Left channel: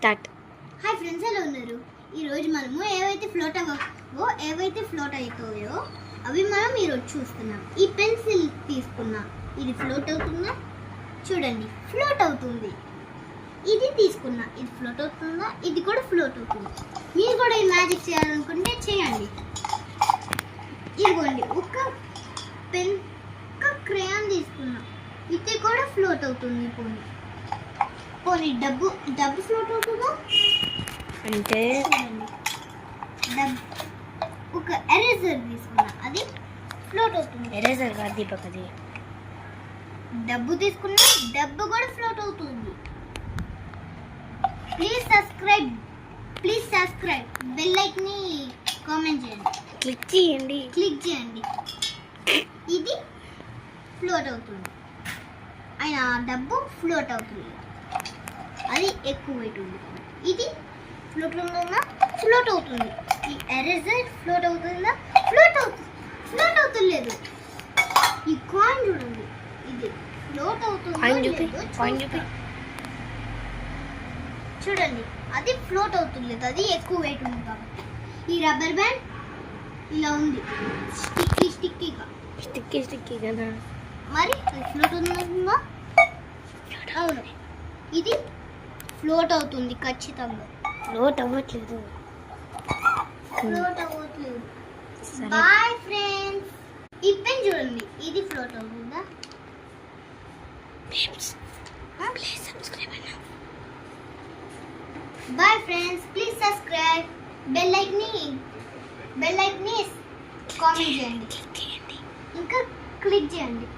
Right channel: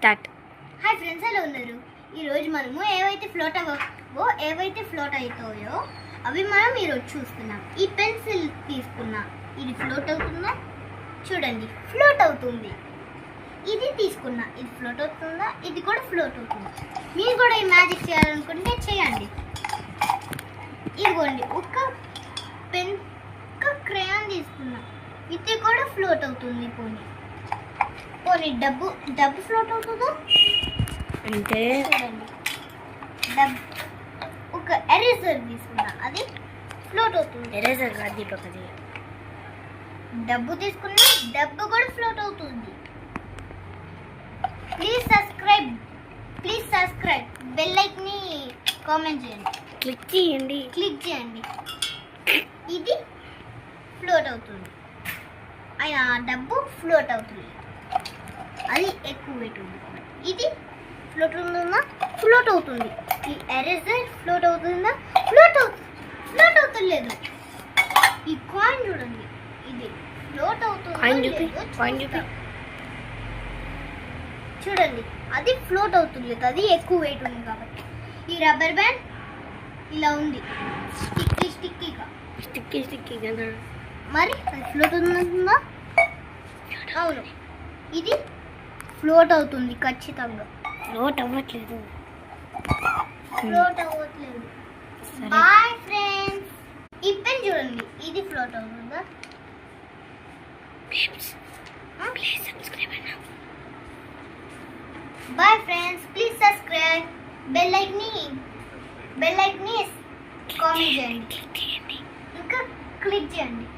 Start. Hi friends, ఎలా ఉన్నారు? ఈరోజు మనము ఏవైతే ఫ్లోట్ అవుతాయో అవి మనం ఈరోజు చూస్తున్నాం. ఈ పెన్సిల్ తీసుకున్నా, ఇది ఫ్లోట్ అవుతుందా? చూడండి, ఫ్లోట్ అవుతుంది. ఇది తీసుకున్నా, ఇది ఫ్లోట్ అవుతుందా? ఇది కూడా ఫ్లోట్ అవుతుంది. మీరు కూడా ఈ మ్యాజిక్ చేయాలనుకుంటే చేయండి. ఇదిగోండి, ఒక క్రేయాన్ తీసుకున్నా, ఇది కూడా ఫ్లోట్ అవుతుంది. పోనీ డబ్బు ఫ్లోట్ అవుతుందా? అంటే చూడండి, ఒక ఎరేజర్ తీసుకున్నా, అది ఫ్లోట్ అవుతుంది. ఎరేజర్ కాదు దీపక్, అది డబ్బు తీసుకున్నా, డబ్బు కూడా ఫ్లోట్ అవుతుంది. ప్లీజ్ సబ్స్క్రైబ్ బెల్ లైక్ ని కామెంట్ చేయండి, క్లిక్ చేయండి. ఇది ఫ్లోట్ అవుతుంది. అయినా డబ్బు ఫ్లోట్ అవుతుంది, అది ఎక్కువ వెయిట్ ఉంది. ఇది ఫ్లోట్ అవుతుంది. ఈ ఎరేజర్ ఫ్లోట్ అవుతుందా? ఫ్లోట్ అవుతలేదు. ఈ కాయిన్ చూడండి, ఇది ఫ్లోట్ అవుతుంది. చూడండి, అది ఫ్లోట్ అవుతుంది, అది ఎక్కువ వెయిట్ ఉంది కాబట్టి. ఈ రబ్బర్ బ్యాండ్ ఇలా ఉంది, స్టిక్కీగా. మరి అది ఫ్లోట్ అవుతుందా? అవును, ఇది ఫ్లోట్ అవుతుంది ఖచ్చితంగా. ఫ్లోట్ అవ్వట్లేదు. Bye friends. ఈ పెన్ చూడండి, ఇది ఫ్లోట్ అవుతుందా? Please subscribe. Bye friends, please subscribe, bell like ని కామెంట్ చేయండి, ఇంకా క్లిక్ చేయండి.